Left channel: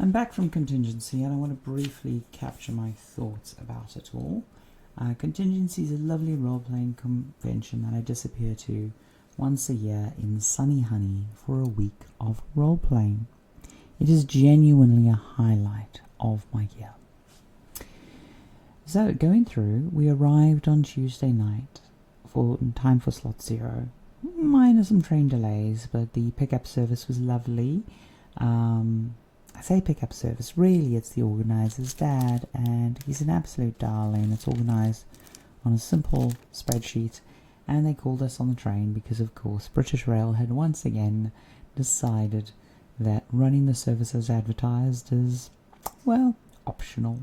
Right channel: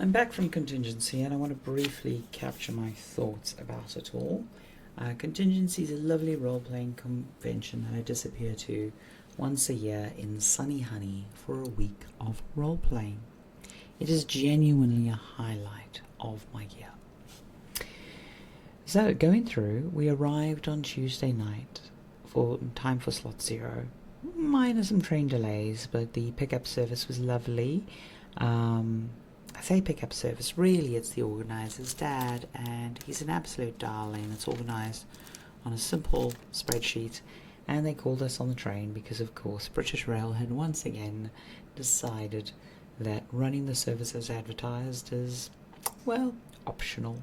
I'm back from Contingency and I want to briefly capture my thoughts about it all. Contingency is a lovely role-playing convention that I disappear to once a year in Sunny Hunny for a week of role-playing. It is genuinely a highlight of my year. So going through, we arrived on Tuesday night for time for slot 0. Minor some train delays, but the pickup service was lovely. I say pickup service, really it's the organiser's dad, and he's an absolute darling. It's organised on a simple spreadsheet, and they called us on the train because, of course, British Rail had once again decided that running the service as advertised is, well, optional.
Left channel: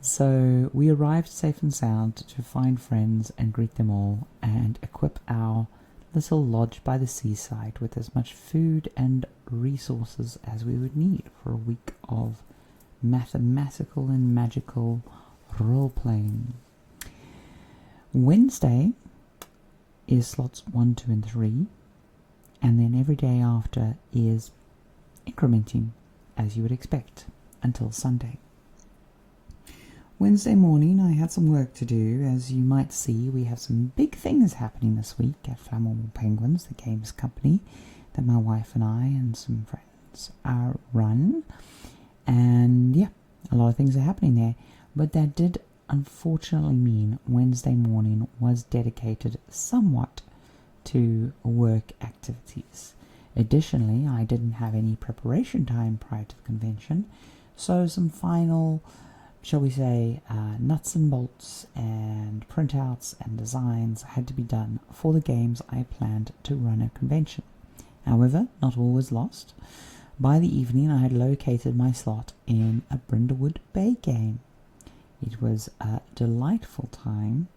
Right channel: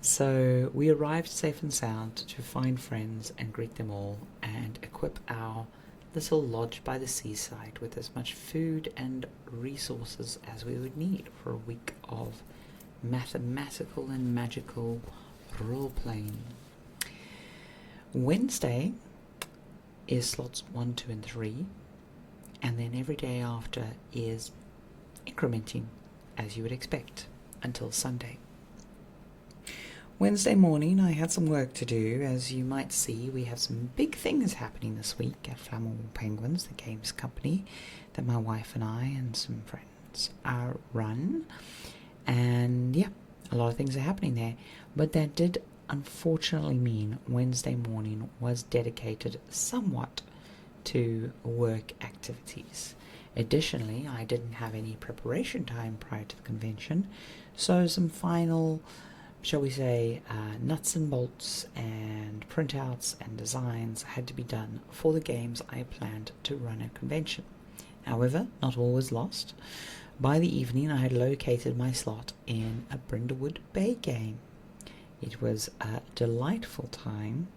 So we arrived safe and sound to find friends and greet them all and equip our little lodge by the seaside with as much food and resources as we would need for a week of mathematical and magical role-playing. Wednesday is slots 1, 2 and 3, and then every day after is incrementing as you would expect until Sunday. Wednesday morning I had some work to do. As you might see, we have some big things happening this week at Flammable Penguins, the games company that my wife and I and some friends run. And yeah, a lot of things are happening there. But that did unfortunately mean Wednesday morning was dedicated somewhat to work activities. Additionally, I didn't have any preparation time prior to the convention, so some final, shall we say, nuts and bolts and printouts and designs had to be done for the games I planned to run at convention. However, not all was lost. By the evening I had located my slot in a Brindlewood Bay game. It was a delightful time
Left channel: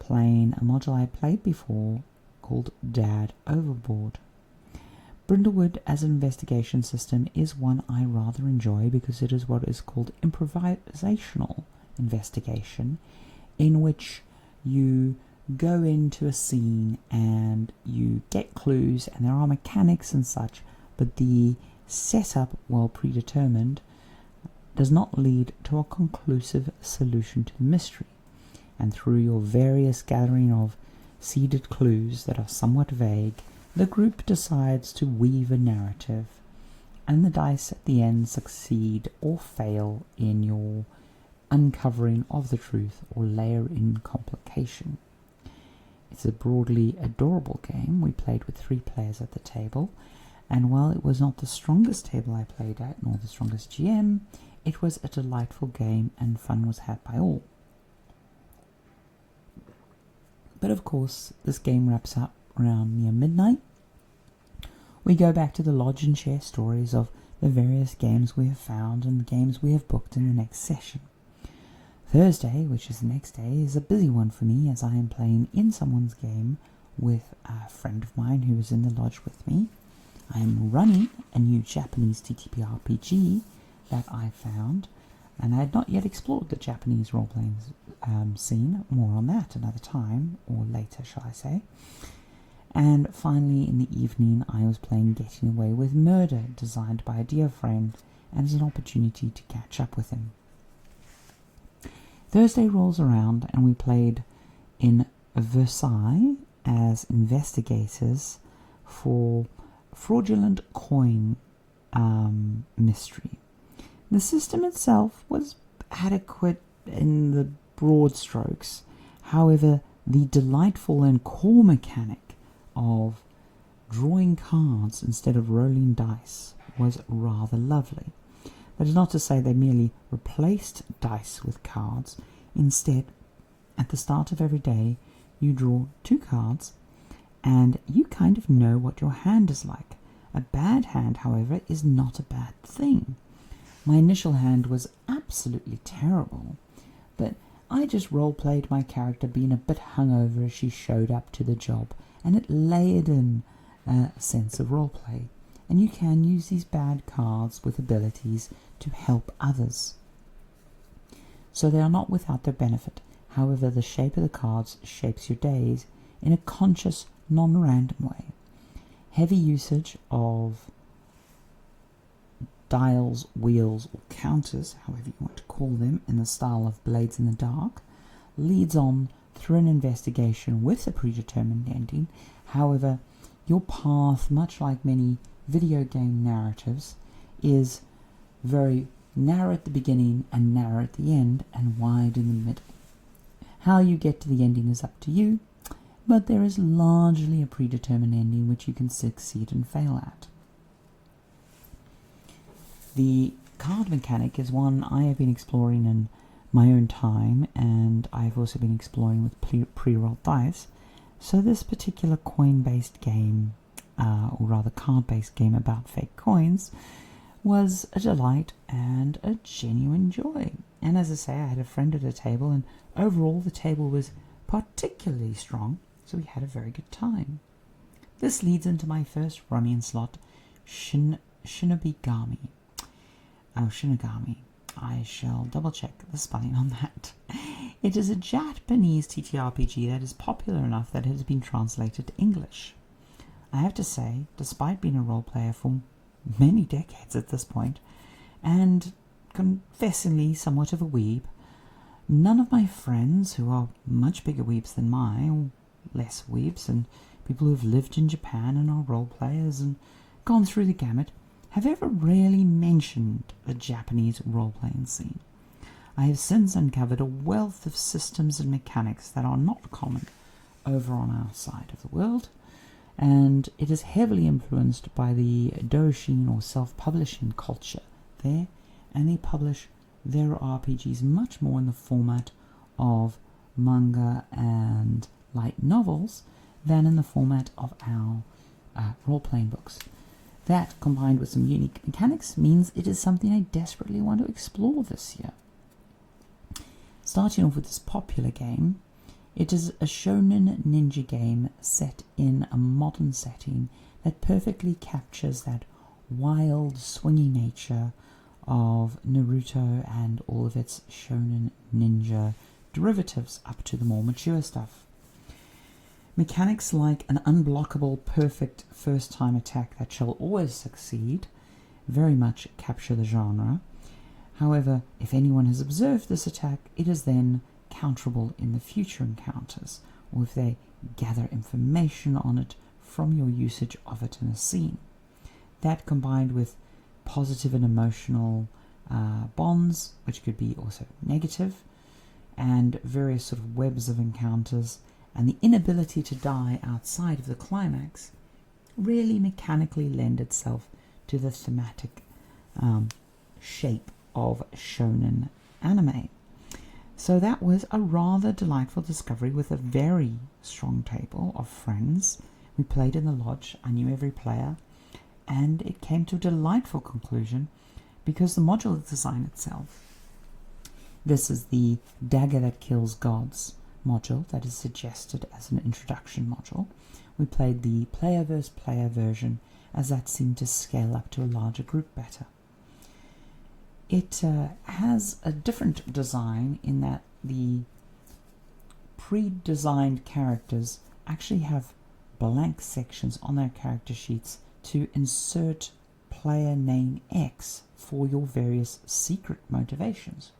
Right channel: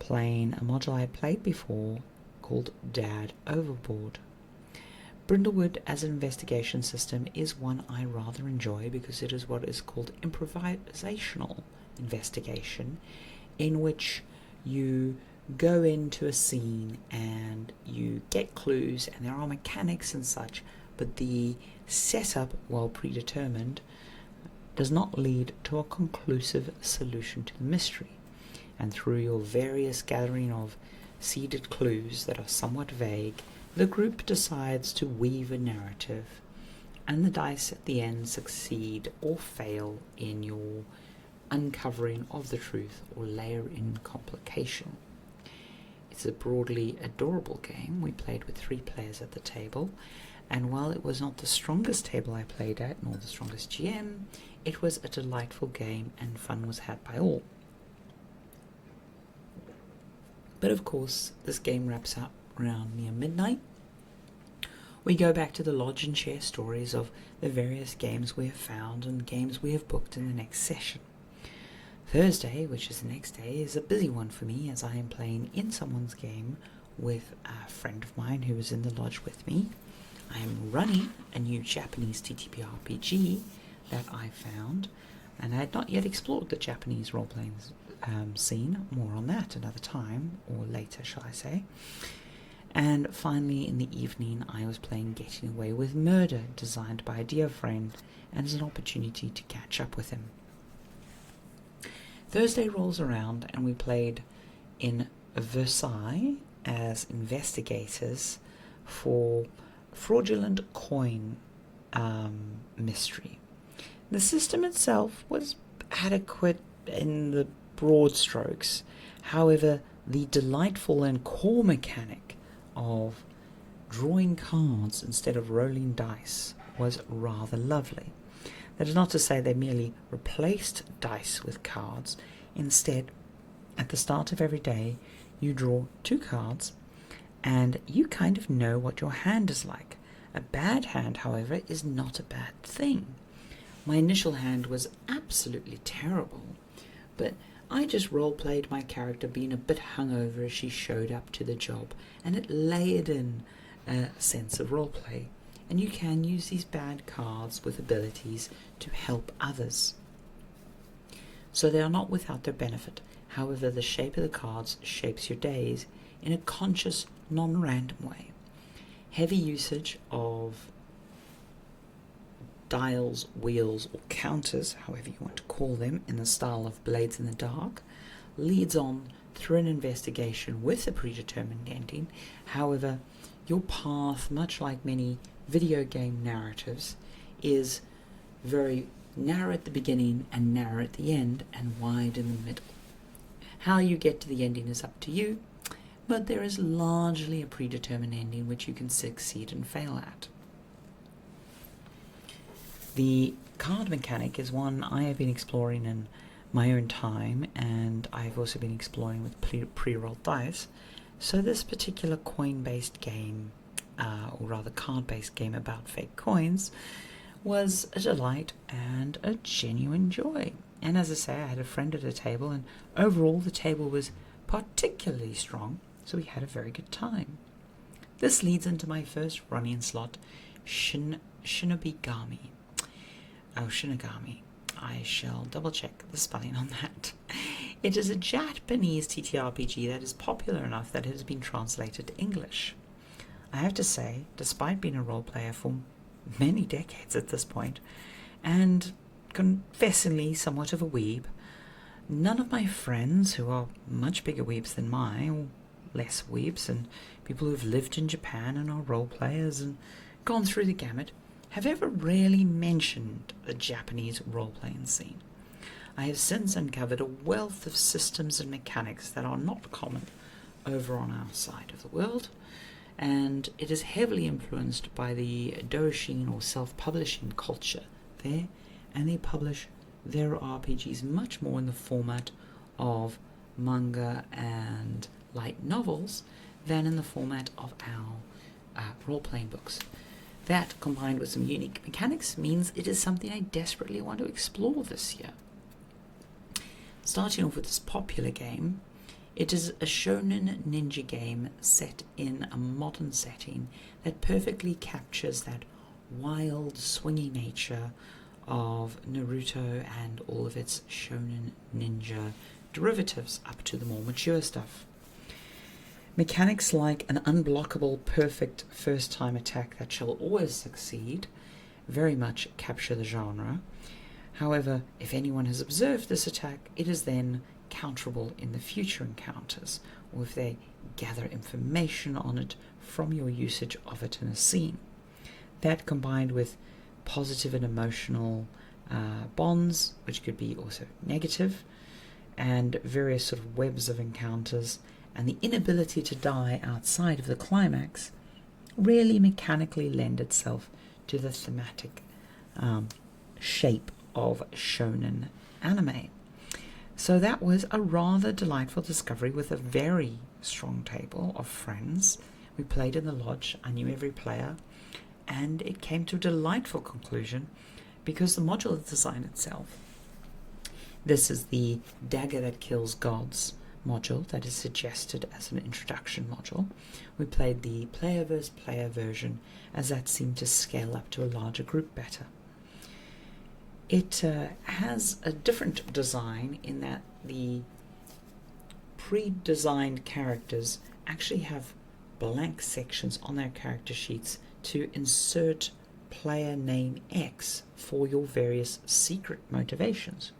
playing a module I played before called Dad Overboard. Brindlewood as an investigation system is one I rather enjoy because it is what is called improvisational investigation, in which you go into a scene and you get clues and there are mechanics and such, but the setup, well predetermined, does not lead to a conclusive solution to the mystery. And through your various gathering of seeded clues that are somewhat vague, the group decides to weave a narrative, and the dice at the end succeed or fail in your uncovering of the truth or layer in complication. It's a broadly adorable game. We played with 3 players at the table, and while it was not the strongest table I played at, nor the strongest GM, it was a delightful game and fun was had by all. But of course, this game wraps up around near midnight. We go back to the lodge and share stories of the various games we have found and games we have booked in the next session. Thursday, which is the next day, is a busy one for me as I am playing in someone's game with a friend of mine who is in the lodge with me. I am running a new Japanese TTP RPG that I found, and I had not yet explored the Japanese role-playing scene. More on that another time, or later shall I say. And finally in the evening I was playing Getting Away with Murder, designed by a dear friend, and as an opportunity to catch up with him. Thursday rolls around and we played in Versailles as investigators for fraudulent coin mystery. The system itself was adequate in the broad strokes. However, the delightful and core mechanic of drawing cards instead of rolling dice was rather lovely. That is not to say they merely replaced dice with cards. Instead, at the start of every day, you draw 2 cards and you kind of know what your hand is like. A bad hand, however, is not a bad thing. My initial hand was absolutely terrible, but I just role-played my character being a bit hungover as she showed up to the job, and it layered in a sense of roleplay. And you can use these bad cards with abilities to help others. So they are not without their benefit. However, the shape of the cards shapes your days in a conscious, non-random way. Heavy usage of dials, wheels, or counters, however you want to call them, in the style of Blades in the Dark, leads on through an investigation with a predetermined ending. However, your path, much like many video game narratives, is very narrow at the beginning and narrow at the end and wide in the middle. How you get to the ending is up to you, but there is largely a predetermined ending which you can succeed and fail at. The card mechanic is one I have been exploring in my own time, and I've also been exploring with pre-rolled dice. So this particular coin-based game, or rather card-based game about fake coins, was a delight and a genuine joy. And as I say, I had a friend at the table, and overall the table was particularly strong, so we had a very good time. This leads into my first running slot, Shinobigami. Oh, Shinigami. I shall double check the spelling on that. It is a Japanese TTRPG that is popular enough that it has been translated to English. I have to say, despite being a role player for many decades at this point, and confessingly somewhat of a weeb, none of my friends, who are much bigger weebs than I, or less weebs, and people who've lived in Japan and are role players and gone through the gamut, have ever really mentioned the Japanese role-playing scene. I have since uncovered a wealth of systems and mechanics that are not common over on our side of the world, and it is heavily influenced by the doujin or self-publishing culture there, and they publish their RPGs much more in the format of manga and light novels than in the format of our role-playing books. That, combined with some unique mechanics, means it is something I desperately want to explore this year. Starting off with this popular game, it is a shonen ninja game set in a modern setting that perfectly captures that wild, swingy nature of Naruto and all of its shonen ninja derivatives up to the more mature stuff. Mechanics like an unblockable, perfect first-time attack that shall always succeed very much capture the genre. However, if anyone has observed this attack, it is then counterable in the future encounters, or if they gather information on it from your usage of it in a scene. That, combined with positive and emotional bonds, which could be also negative, and various sort of webs of encounters, and the inability to die outside of the climax, really mechanically lend itself to the thematic shape of shonen anime. So that was a rather delightful discovery with a very strong table of friends. We played in the lodge, I knew every player, and it came to a delightful conclusion because the module design itself, this is the Dagger That Kills Gods module that is suggested as an introduction module. We played the player versus player version, as that seemed to scale up to a larger group better. It has a different design in that the pre-designed characters actually have blank sections on their character sheets to insert player name X for your various secret motivations.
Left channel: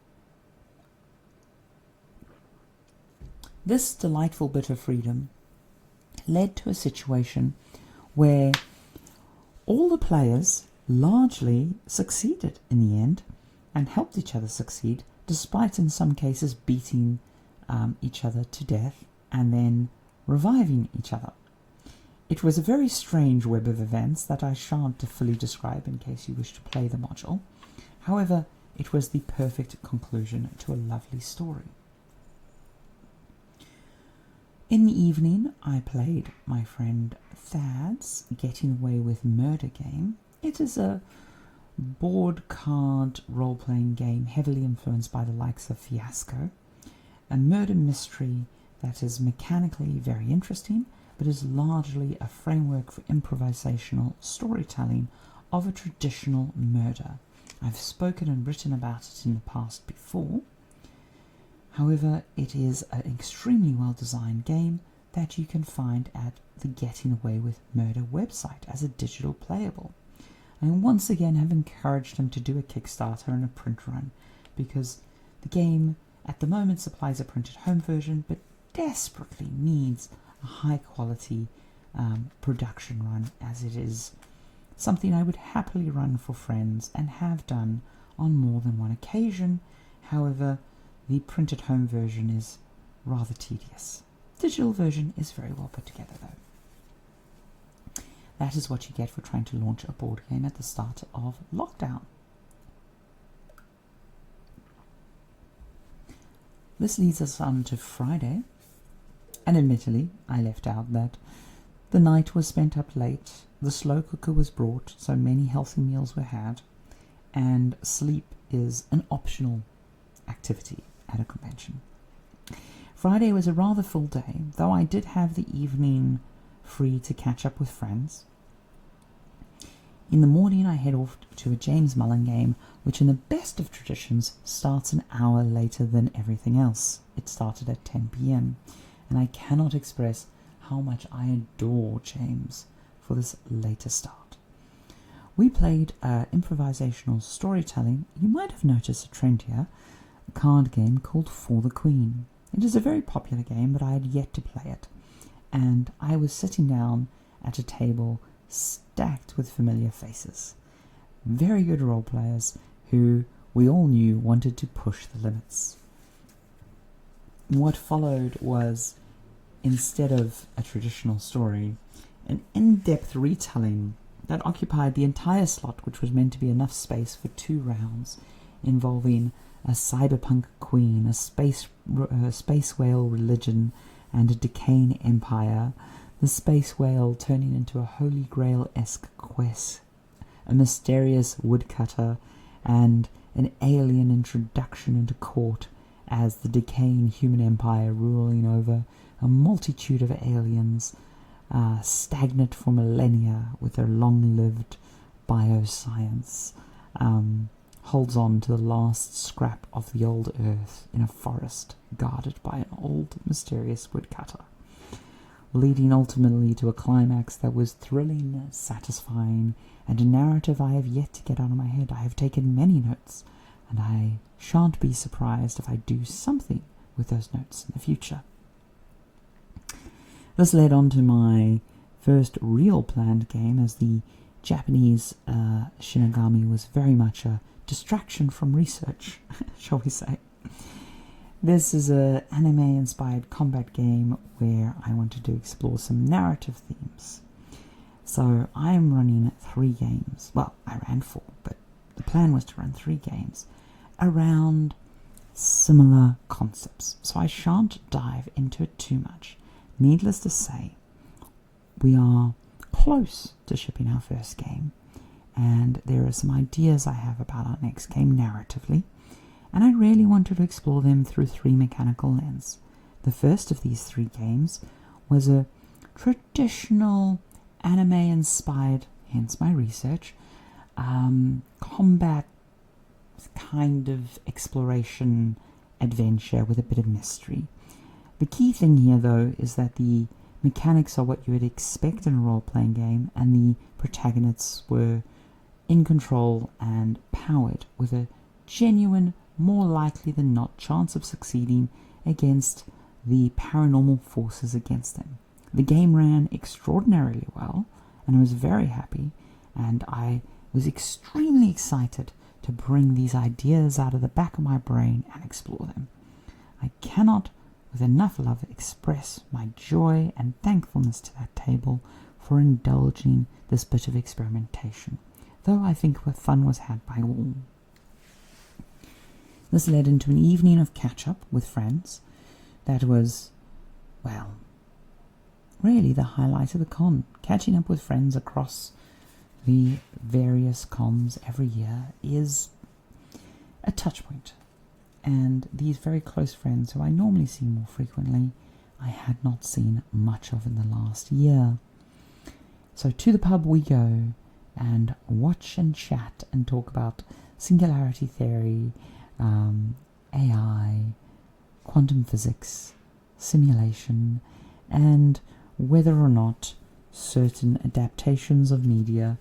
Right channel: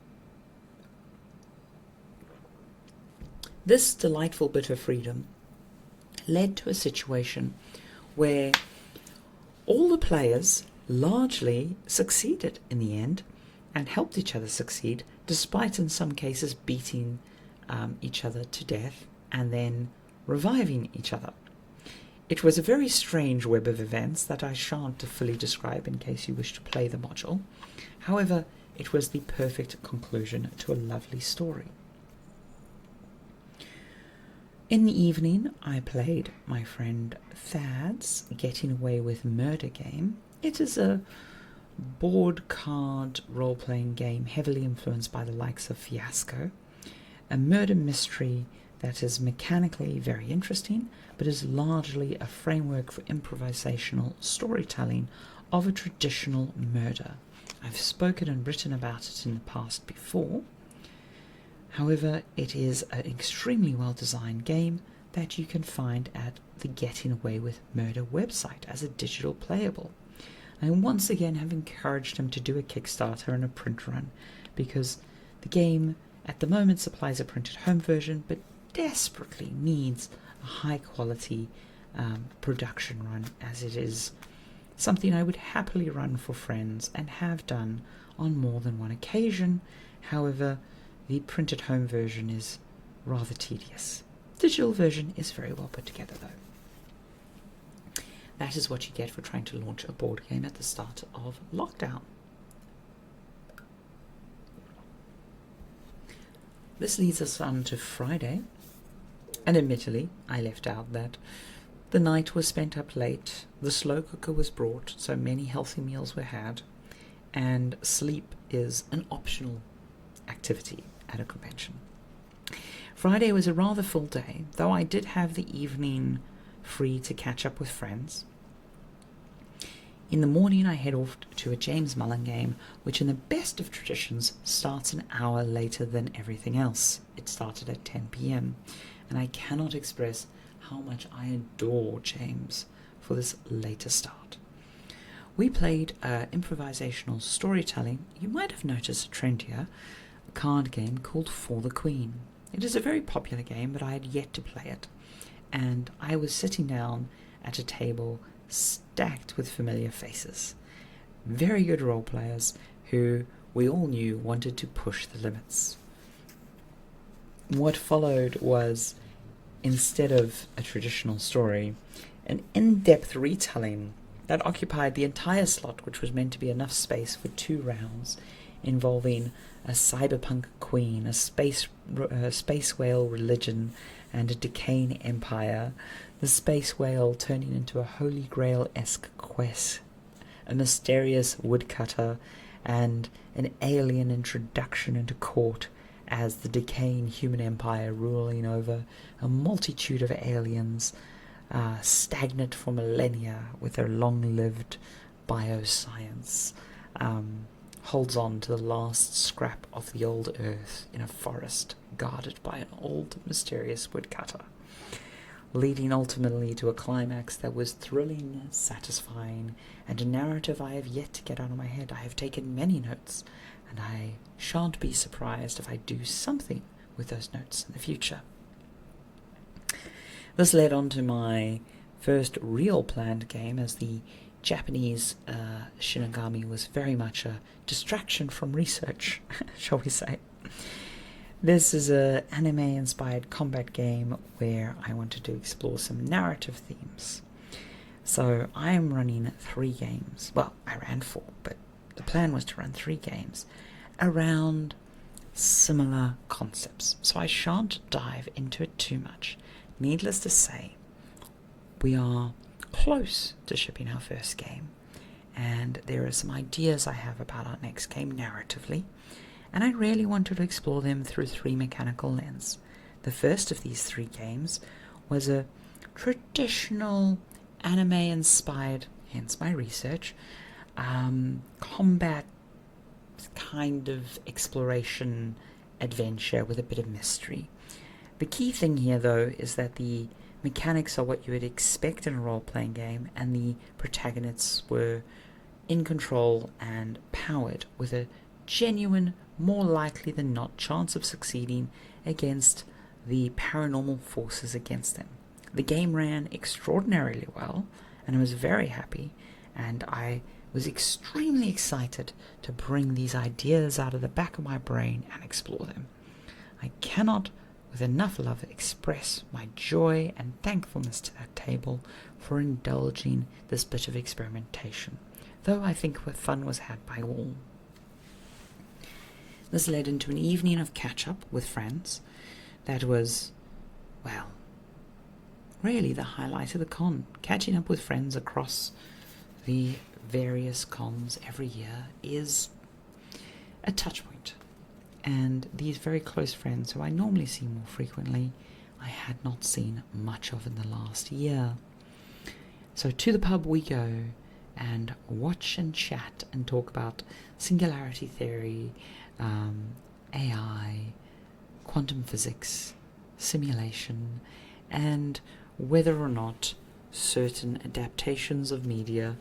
This delightful bit of freedom led to a situation where all the players largely succeeded in the end and helped each other succeed, despite in some cases beating each other to death and then reviving each other. It was a very strange web of events that I shan't fully describe in case you wish to play the module. However, it was the perfect conclusion to a lovely story. In the evening, I played my friend Thad's Getting Away with Murder game. It is a board card role-playing game heavily influenced by the likes of Fiasco, a murder mystery that is mechanically very interesting, but is largely a framework for improvisational storytelling of a traditional murder. I've spoken and written about it in the past before. However, it is an extremely well-designed game that you can find at the Getting Away with Murder website as a digital playable. I once again have encouraged him to do a Kickstarter and a print run, because the game at the moment supplies a printed home version, but desperately needs a high quality production run, as it is something I would happily run for friends and have done on more than one occasion. However, the printed home version is rather tedious. Digital version is very well put together though. That is what you get for trying to launch a board game at the start of lockdown. This leads us on to Friday, and admittedly I left out that the night was spent up late, the slow cooker was brought, so many healthy meals were had, and sleep is an optional activity at a convention. Friday was a rather full day, though I did have the evening free to catch up with friends. In the morning I head off to a James Mullen game, which in the best of traditions starts an hour later than everything else. It started at 10 p.m, and I cannot express how much I adore James for this later start. We played improvisational storytelling. You might have noticed a trend here, a card game called For the Queen. It is a very popular game, but I had yet to play it, and I was sitting down at a table stacked with familiar faces. Very good role players who we all knew wanted to push the limits. What followed was, instead of a traditional story, an in-depth retelling that occupied the entire slot, which was meant to be enough space for 2 rounds, involving a cyberpunk queen, a space whale religion, and a decaying empire, the space whale turning into a Holy Grail-esque quest, a mysterious woodcutter, and an alien introduction into court as the decaying human empire ruling over a multitude of aliens, stagnant for millennia with their long-lived bioscience, holds on to the last scrap of the old earth in a forest guarded by an old mysterious woodcutter, leading ultimately to a climax that was thrilling, satisfying, and a narrative I have yet to get out of my head. I have taken many notes, and I shan't be surprised if I do something with those notes in the future. This led on to my first real planned game, as the Japanese Shinobigami was very much a distraction from research, shall we say. This is an anime-inspired combat game where I wanted to explore some narrative themes. So I am running 3 games. Well, I ran 4, but the plan was to run 3 games around similar concepts. So I shan't dive into it too much. Needless to say, we are close to shipping our first game, and there are some ideas I have about our next game narratively, and I really wanted to explore them through 3 mechanical lenses. The first of these 3 games was a traditional anime-inspired, hence my research, combat kind of exploration adventure with a bit of mystery. The key thing here, though, is that the mechanics are what you would expect in a role-playing game, and the protagonists were in control and powered with a genuine, more likely than not chance of succeeding against the paranormal forces against them. The game ran extraordinarily well, and I was very happy, and I was extremely excited to bring these ideas out of the back of my brain and explore them. I cannot, with enough love, express my joy and thankfulness to that table for indulging this bit of experimentation, though I think fun was had by all. This led into an evening of catch-up with friends that was, well, really the highlight of the con. Catching up with friends across the various cons every year is a touch point. And these very close friends, who I normally see more frequently, I had not seen much of in the last year. So to the pub we go, and watch and chat and talk about singularity theory, AI, quantum physics, simulation, and whether or not certain adaptations of media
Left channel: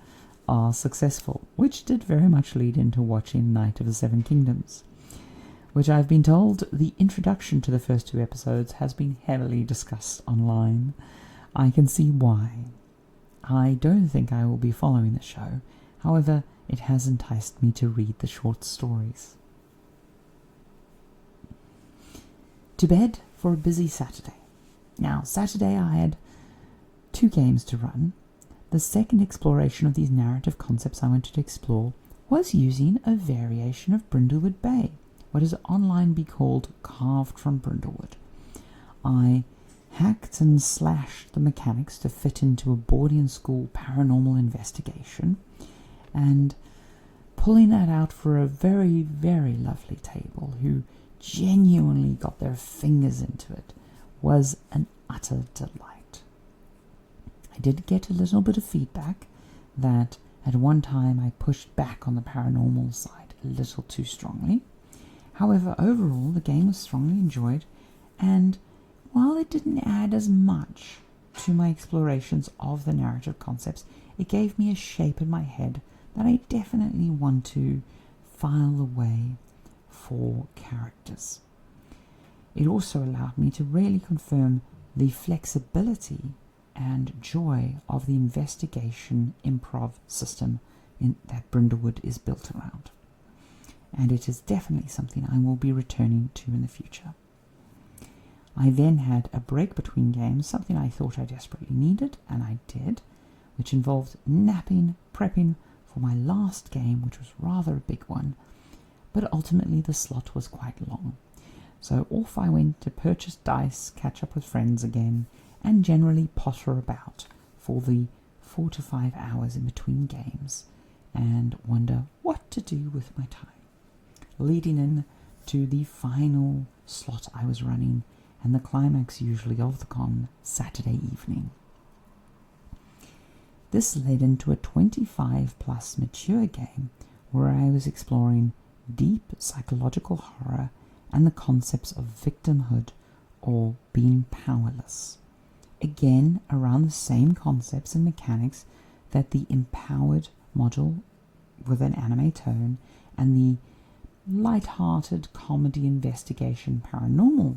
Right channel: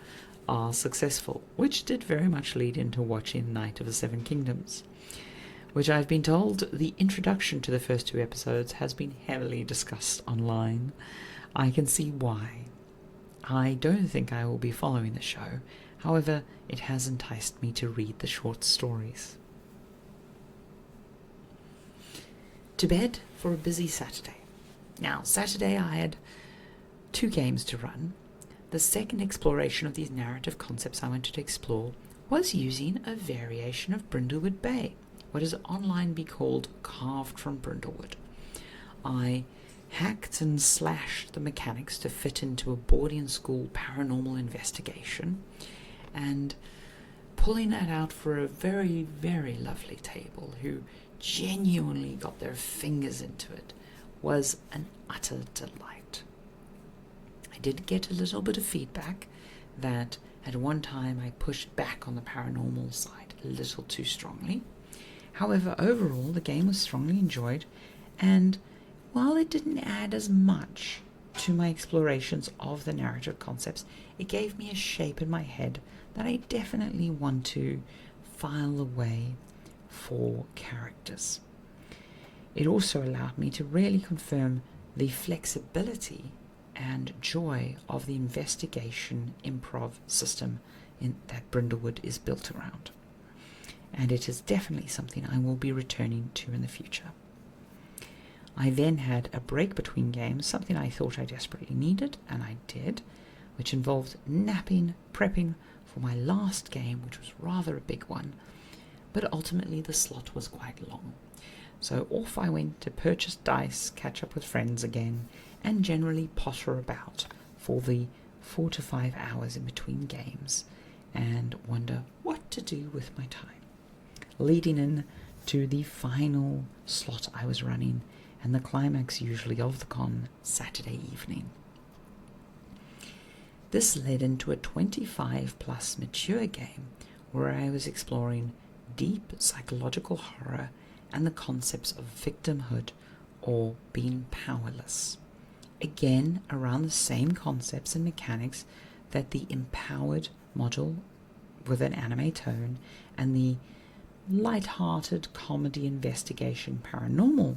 are successful, which did very much lead into watching Night of the Seven Kingdoms, which I've been told the introduction to the first 2 episodes has been heavily discussed online. I can see why. I don't think I will be following the show, however, it has enticed me to read the short stories. To bed for a busy Saturday. Now, Saturday I had 2 games to run. The second exploration of these narrative concepts I wanted to explore was using a variation of Brindlewood Bay, what is online be called Carved from Brindlewood. I hacked and slashed the mechanics to fit into a boarding school paranormal investigation, and pulling that out for a very, very lovely table who genuinely got their fingers into it was an utter delight. I did get a little bit of feedback that at one time I pushed back on the paranormal side a little too strongly. However, overall the game was strongly enjoyed, and while it didn't add as much to my explorations of the narrative concepts, it gave me a shape in my head that I definitely want to file away for characters. It also allowed me to really confirm the flexibility and joy of the investigation improv system that Brindlewood is built around. And it is definitely something I will be returning to in the future. I then had a break between games, something I thought I desperately needed, and I did, which involved napping, prepping for my last game, which was rather a big one, but ultimately the slot was quite long. So off I went to purchase dice, catch up with friends again, and generally potter about for the 4 to 5 hours in between games, and wonder what to do with my time, leading in to the final slot I was running, and the climax usually of the con, Saturday evening. This led into a 25 plus mature game where I was exploring deep psychological horror and the concepts of victimhood or being powerless. Again, around the same concepts and mechanics that the empowered module with an anime tone and the light-hearted comedy investigation paranormal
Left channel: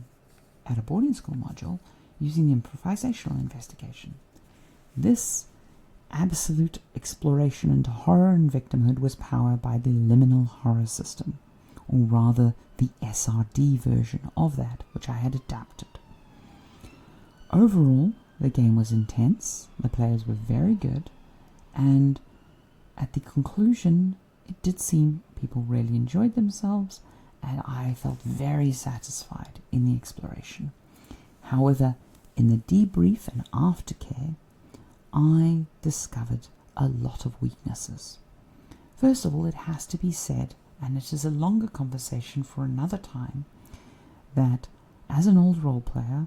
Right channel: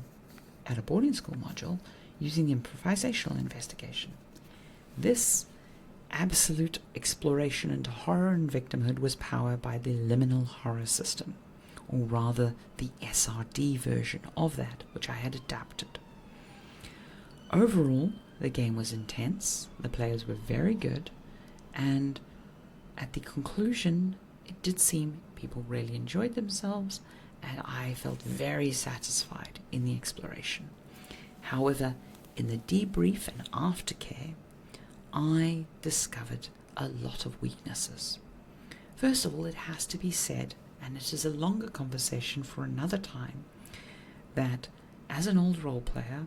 at a boarding school module using improvisational investigation. This absolute exploration into horror and victimhood was powered by the Liminal Horror system, or rather the SRD version of that, which I had adapted. Overall, the game was intense, the players were very good, and at the conclusion, it did seem people really enjoyed themselves, and I felt very satisfied in the exploration. However, in the debrief and aftercare, I discovered a lot of weaknesses. First of all, it has to be said, and it is a longer conversation for another time, that as an old role player,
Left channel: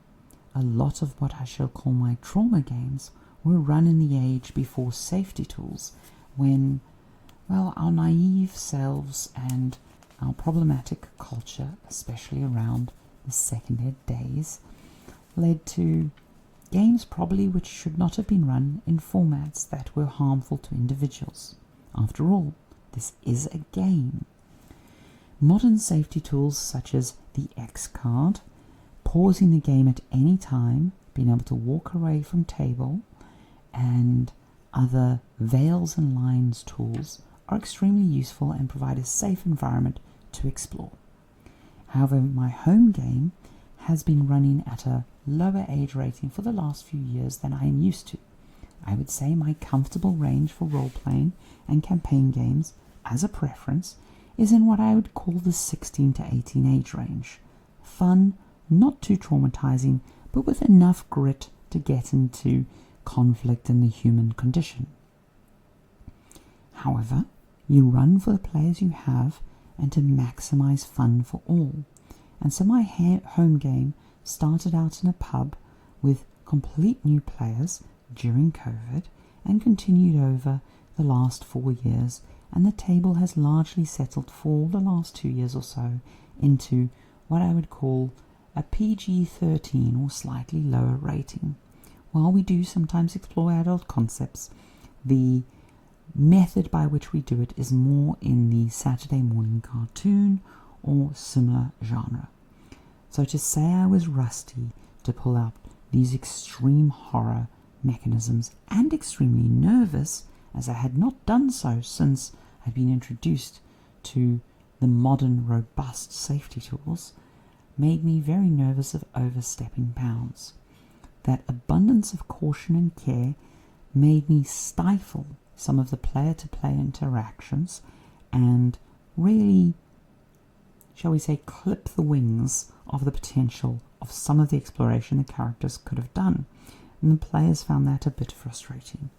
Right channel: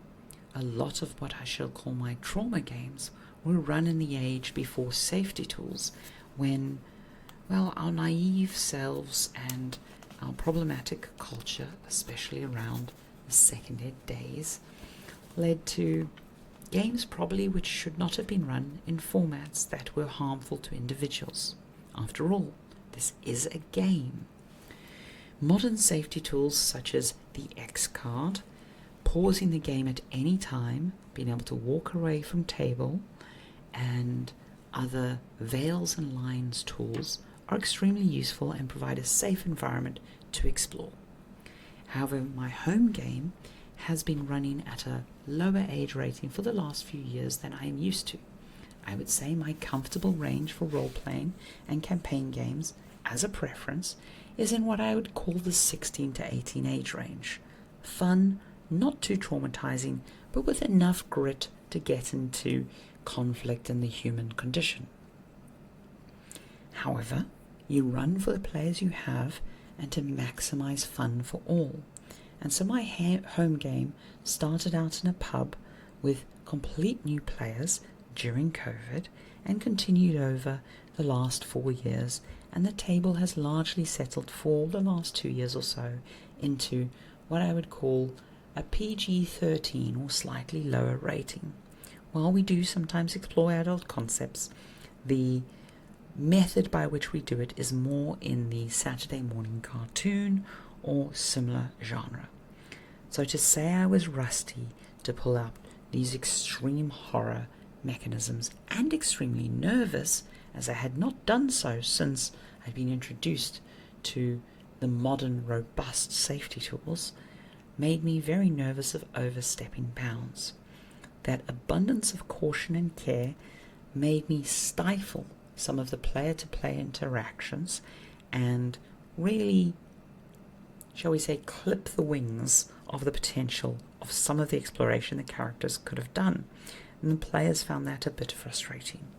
a lot of what I shall call my trauma games were run in the age before safety tools, when, well, our naive selves and our problematic culture, especially around the second ed days, led to games probably which should not have been run in formats that were harmful to individuals. After all, this is a game. Modern safety tools such as the X card, pausing the game at any time, being able to walk away from table, and other veils and lines tools are extremely useful and provide a safe environment to explore. However, my home game has been running at a lower age rating for the last few years than I am used to. I would say my comfortable range for role-playing and campaign games, as a preference, is in what I would call the 16 to 18 age range. Fun, not too traumatizing, but with enough grit to get into conflict and the human condition. However, you run for the players you have and to maximize fun for all. And so my home game started out in a pub with complete new players during COVID and continued over the last 4 years, and the table has largely settled for the last 2 years or so into what I would call a PG-13 or slightly lower rating. While we do sometimes explore adult concepts, the method by which we do it is more in the Saturday morning cartoon or similar genre. So to say I was rusty to pull out these extreme horror mechanisms and extremely nervous, as I had not done so since I'd been introduced to the modern robust safety tools, made me very nervous of overstepping bounds. That abundance of caution and care made me stifle some of the player-to-player interactions and really, shall we say, clip the wings of the potential of some of the exploration the characters could have done, and the players found that a bit frustrating.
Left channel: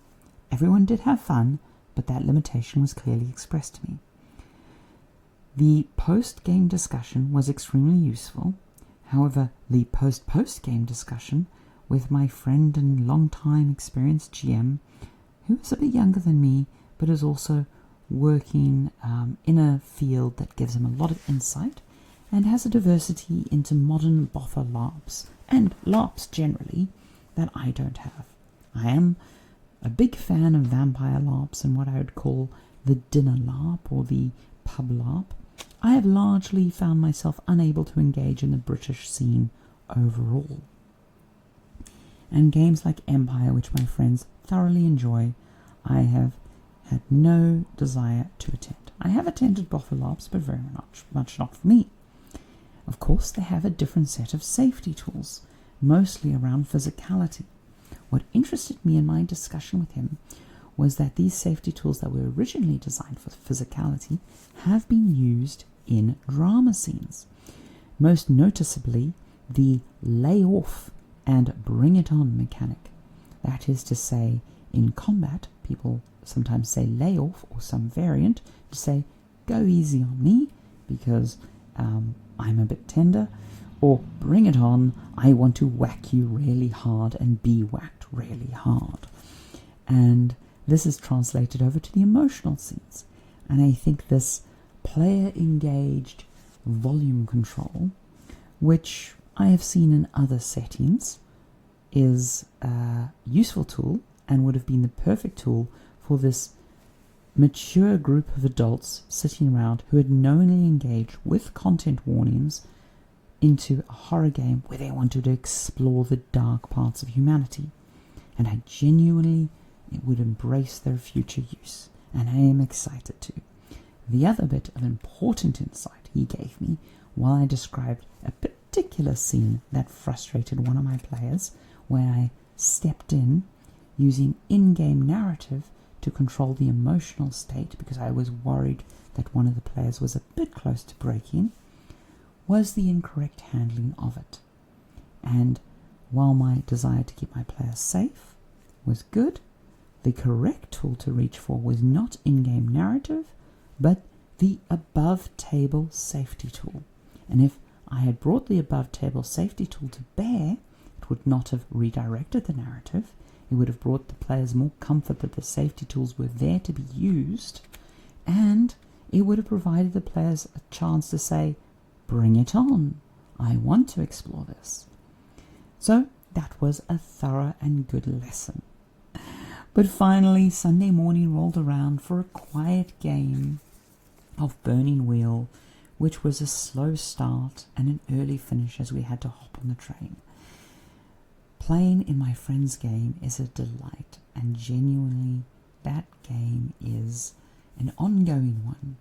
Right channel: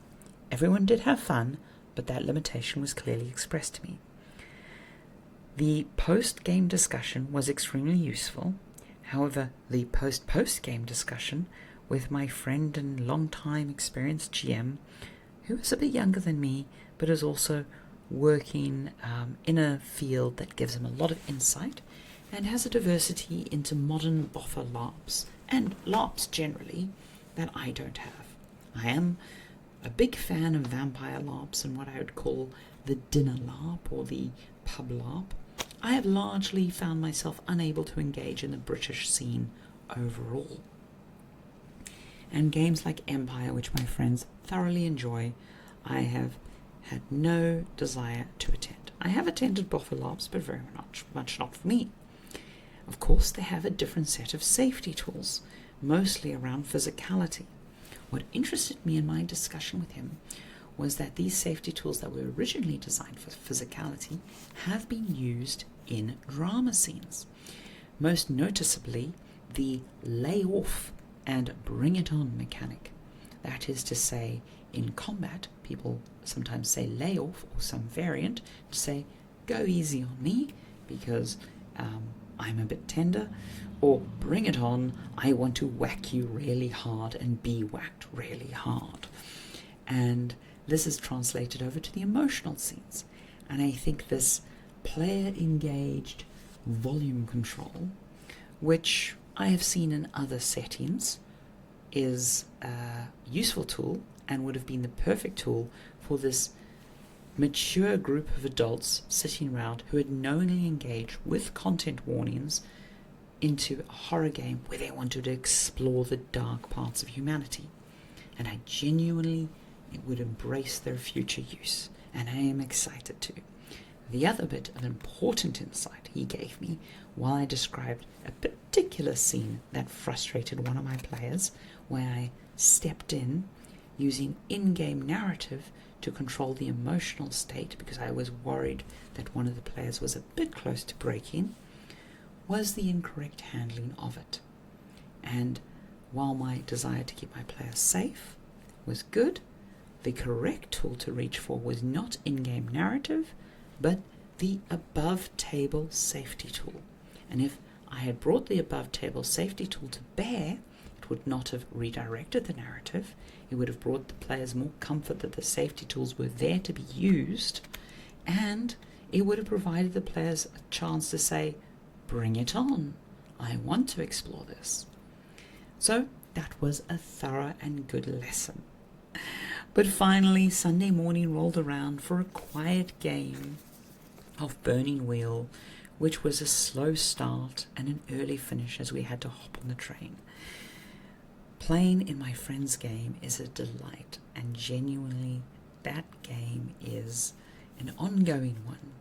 Everyone did have fun, but that limitation was clearly expressed to me. The post-game discussion was extremely useful. However, the post-game discussion with my friend and long-time experienced GM, who is a bit younger than me, but is also working in a field that gives him a lot of insight and has a diversity into modern boffer LARPs, and LARPs generally, that I don't have. I am a big fan of vampire LARPs and what I would call the dinner LARP or the pub LARP. I have largely found myself unable to engage in the British scene overall. And games like Empire, which my friends thoroughly enjoy, I have had no desire to attend. I have attended boffer LARPs, but very much not for me. Of course, they have a different set of safety tools, mostly around physicality. What interested me in my discussion with him was that these safety tools that were originally designed for physicality have been used in drama scenes. Most noticeably, the lay off and bring it on mechanic. That is to say, in combat, people sometimes say lay off or some variant to say, go easy on me because I'm a bit tender, or bring it on, I want to whack you really hard and be whacked really hard. And this is translated over to the emotional scenes. And I think this player-engaged volume control, which I have seen in other settings, is a useful tool and would have been the perfect tool for this mature group of adults sitting around who had knowingly engaged with content warnings into a horror game where they wanted to explore the dark parts of humanity. And I genuinely would embrace their future use, and I am excited to. The other bit of important insight he gave me while I described a particular scene that frustrated one of my players, where I stepped in using in-game narrative to control the emotional state because I was worried that one of the players was a bit close to breaking, was the incorrect handling of it. And while my desire to keep my players safe was good, the correct tool to reach for was not in-game narrative, but the above-table safety tool. And if I had brought the above-table safety tool to bear, it would not have redirected the narrative. It would have brought the players more comfort that the safety tools were there to be used, and it would have provided the players a chance to say, bring it on, I want to explore this. So that was a thorough and good lesson. But finally, Sunday morning rolled around for a quiet game of Burning Wheel, which was a slow start and an early finish as we had to hop on the train. Playing in my friend's game is a delight, and genuinely that game is an ongoing one,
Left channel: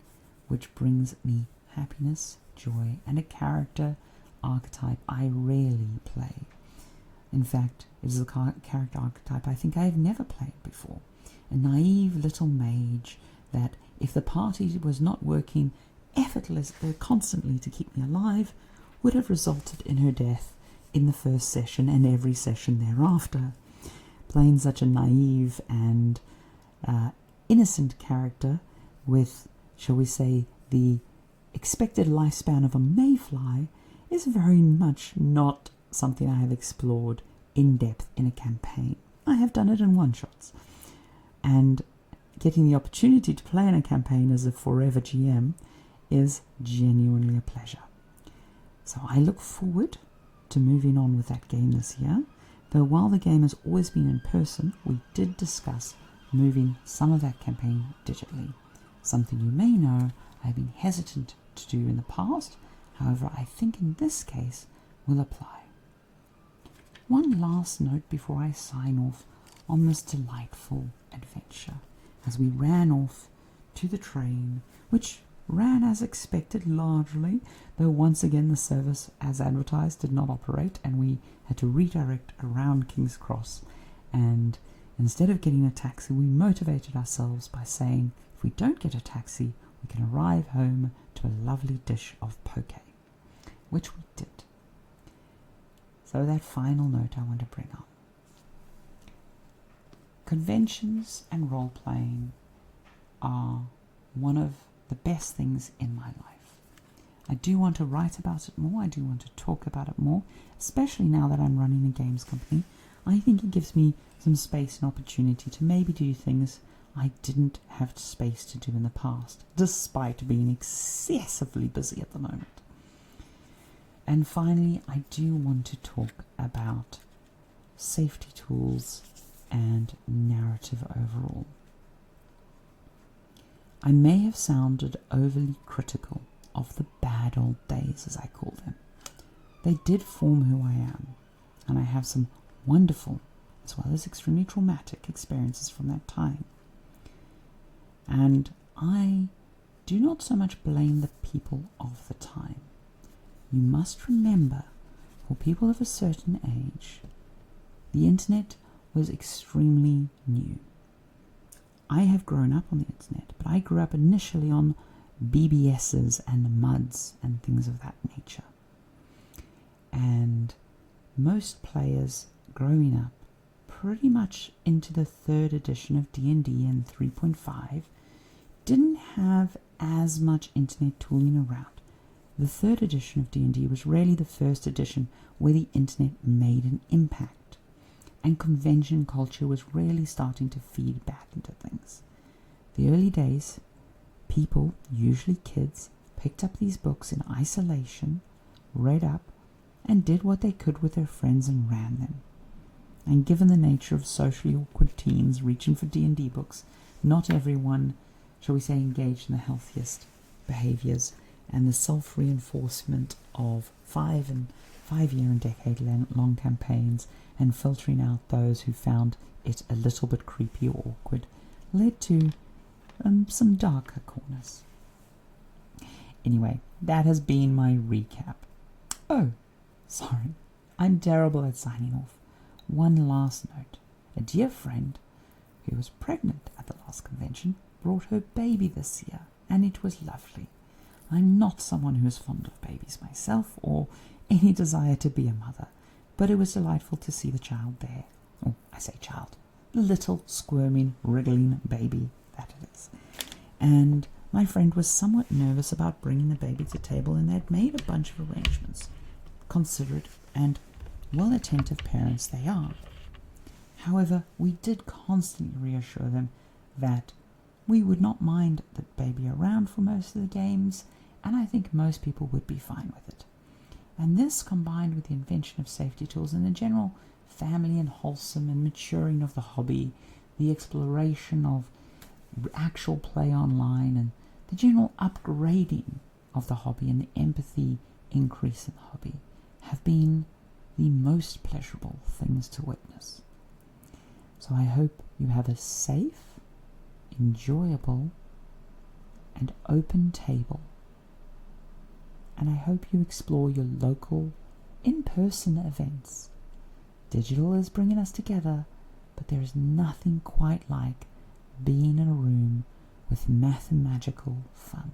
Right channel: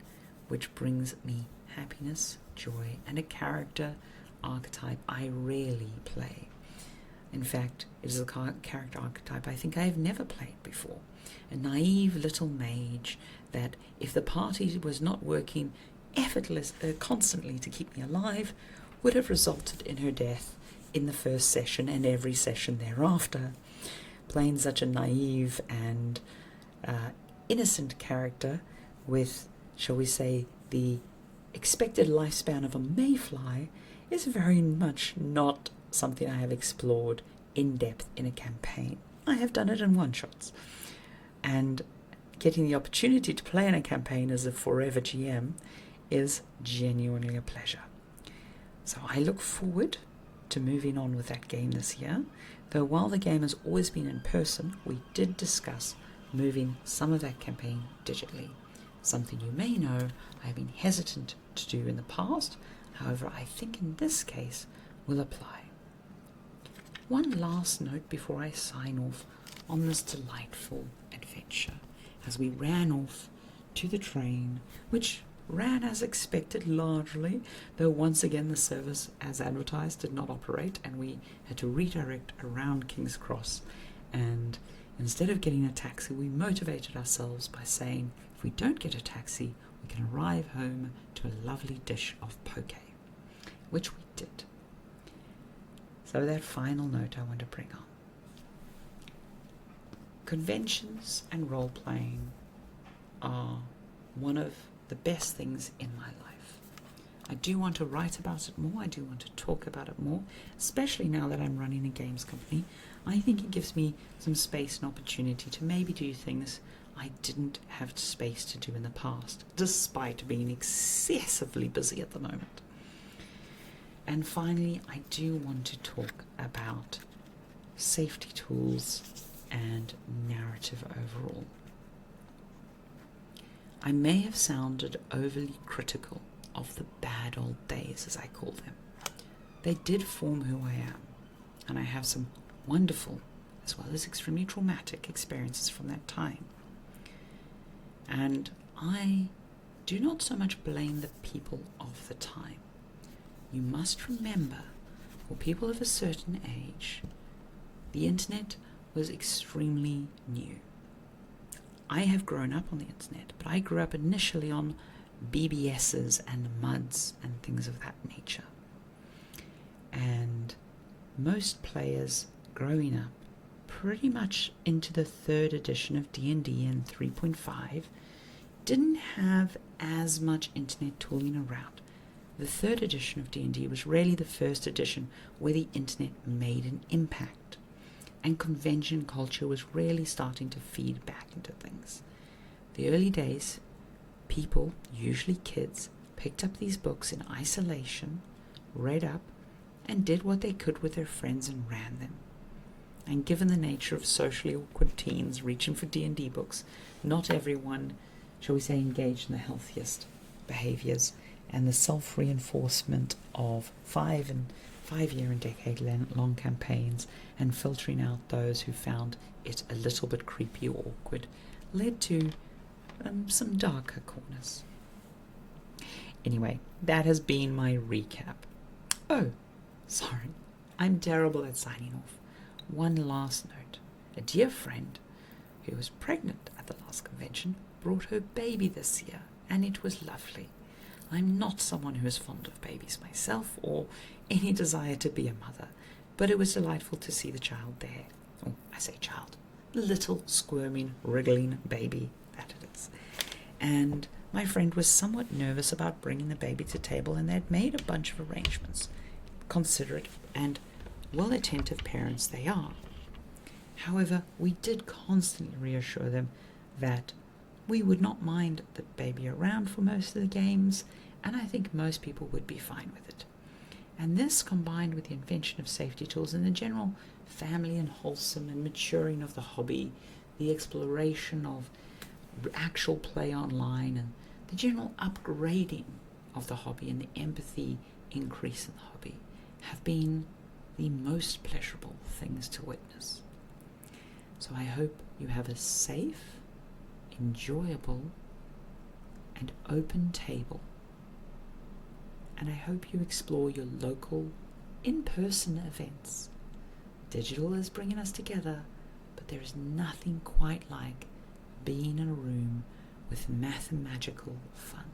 which brings me happiness, joy, and a character archetype I rarely play. In fact, it is a character archetype I think I have never played before. A naive little mage that, if the party was not working constantly to keep me alive, would have resulted in her death in the first session and every session thereafter. Playing such a naive and innocent character with, shall we say, the expected lifespan of a mayfly is very much not something I have explored in depth in a campaign. I have done it in one-shots, and getting the opportunity to play in a campaign as a forever GM is genuinely a pleasure. So I look forward to moving on with that game this year, though while the game has always been in person, we did discuss moving some of that campaign digitally. Something you may know I have been hesitant to do in the past, however I think in this case will apply. One last note before I sign off on this delightful adventure, as we ran off to the train, which ran as expected largely, though once again the service as advertised did not operate and we had to redirect around King's Cross, and instead of getting a taxi we motivated ourselves by saying if we don't get a taxi we can arrive home to a lovely dish of poke, which we did. So that final note I want to bring on. Conventions and role-playing are one of the best things in my life. I do want to write about it more, I do want to talk about it more, especially now that I'm running a games company. I think it gives me some space and opportunity to maybe do things I didn't have space to do in the past, despite being excessively busy at the moment. And finally, I do want to talk about safety tools and narrative overall. I may have sounded overly critical of the bad old days, as I call them. They did form who I am, and I have some wonderful, as well as extremely traumatic experiences from that time. And I do not so much blame the people of the time. You must remember, for people of a certain age, the internet was extremely new. I have grown up on the internet, but I grew up initially on BBSs and MUDs and things of that nature. And most players growing up pretty much into the 3rd edition of D&D and 3.5 didn't have as much internet tooling around. The 3rd edition of D&D was really the first edition where the internet made an impact, and convention culture was really starting to feed back into things. The early days, people, usually kids, picked up these books in isolation, read up, and did what they could with their friends and ran them. And given the nature of socially awkward teens reaching for D&D books, not everyone, shall we say, engaged in the healthiest behaviors and the self-reinforcement of 5-year and decade-long campaigns and filtering out those who found it a little bit creepy or awkward led to some darker corners. Anyway, that has been my recap. Oh, sorry, I'm terrible at signing off. One last note. A dear friend who was pregnant at the last convention brought her baby this year, and it was lovely. I'm not someone who is fond of babies myself or any desire to be a mother, but it was delightful to see the child there. Oh, I say child. The little squirming, wriggling baby that it is. And my friend was somewhat nervous about bringing the baby to table, and they'd made a bunch of arrangements. Considerate and well-attentive parents they are. However, we did constantly reassure them that we would not mind the baby around for most of the games, and I think most people would be fine with it. And this, combined with the invention of safety tools and the general family and wholesome and maturing of the hobby, the exploration of actual play online, and the general upgrading of the hobby and the empathy increase in the hobby, have been the most pleasurable things to witness. So I hope you have a safe, enjoyable, and open table. And I hope you explore your local, in-person events. Digital is bringing us together, but there is nothing quite like being in a room with mathematical fun.